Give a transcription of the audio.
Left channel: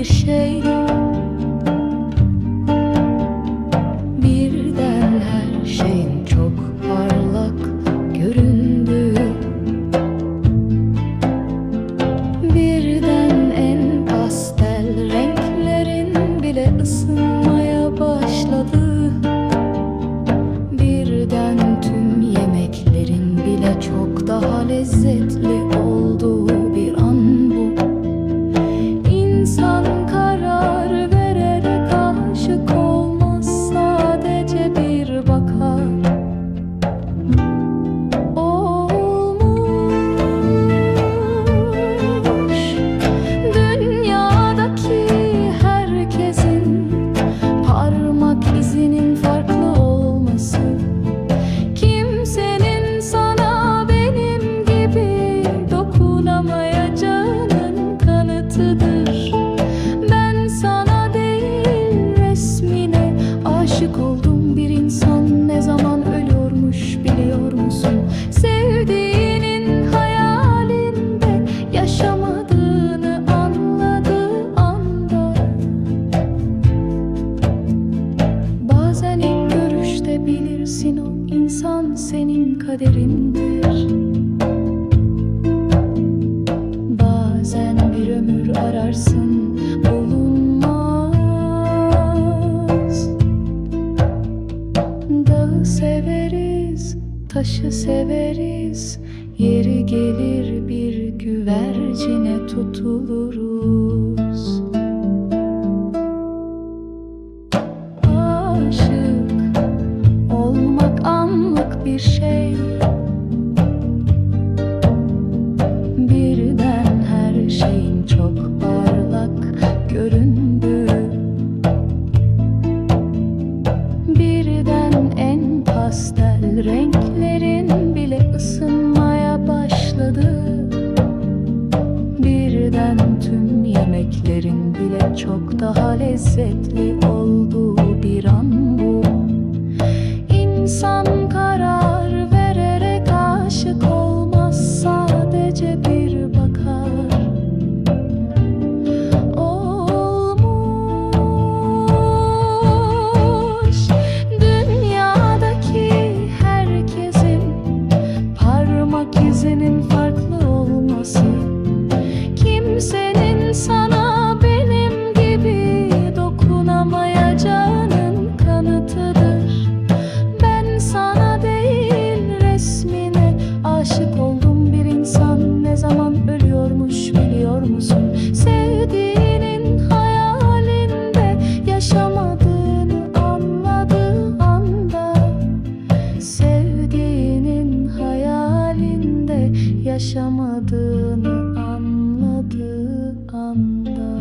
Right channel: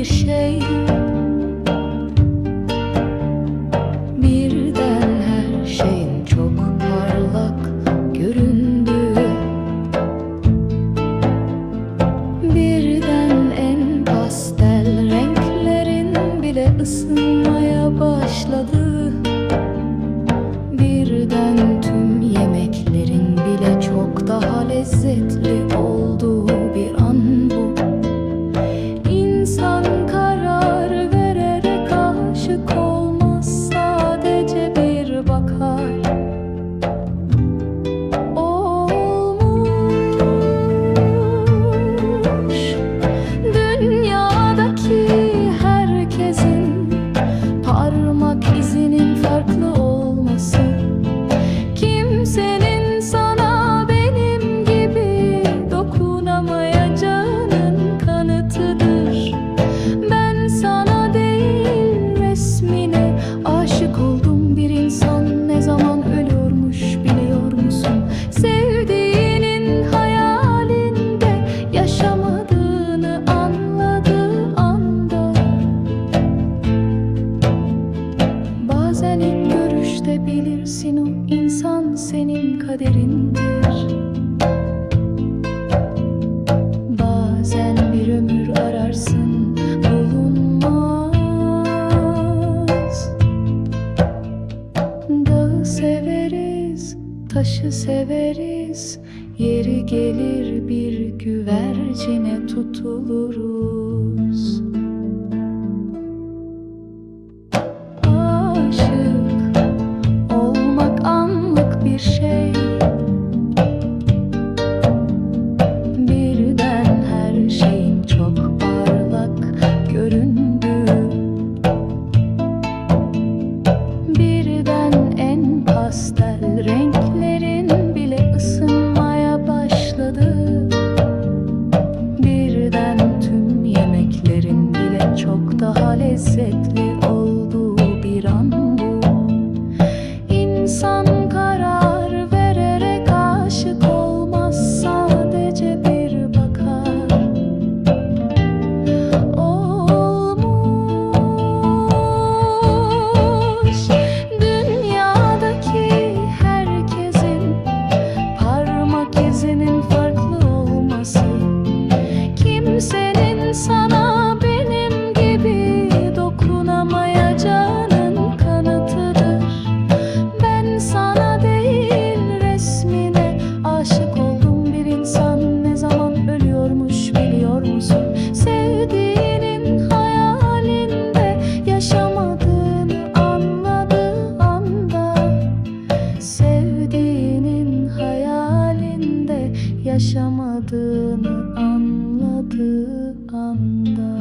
bir şey. Birden her şeyin çok parlak göründü. Birden en pastel renklerin bile ısınmaya başladı. Birden tüm yemeklerin bile çok daha lezzetli olduğu bir an bu. Parmak izinin farklı olması. Kimsenin sana benim gibi dokunamayacağının kanıtıdır. Ben sana değil resmine aşık oldum. Bir insan ne zaman ölüyormuş biliyor musun? Görüşte bilirsin o insan senin kaderindir. Bazen bir ömür ararsın bulunmaz. Dağı severiz, taşı severiz Yeri gelir bir güvercine tutuluruz. Aşık anlık bir şey. Birden her şeyin çok parlak göründü. Birden en pastel renklerin bile ısınmaya başladı. Birden tüm yemeklerin bile çok daha lezzetli olduğu bir an bu İnsan karar vererek aşık olmaz sadece bir bakar. Olmuş dünyadaki herkesin parmak izinin farklı olması. Kimsenin sana benim gibi dokunamayacağının kanıtıdır aşık oldum bir insan. Ne zaman ölüyormuş biliyor musun? Sevdiğinin hayalinde yaşamadığını anladığı anda. Sevdiğinin hayalinde yaşamadığını anladığı anda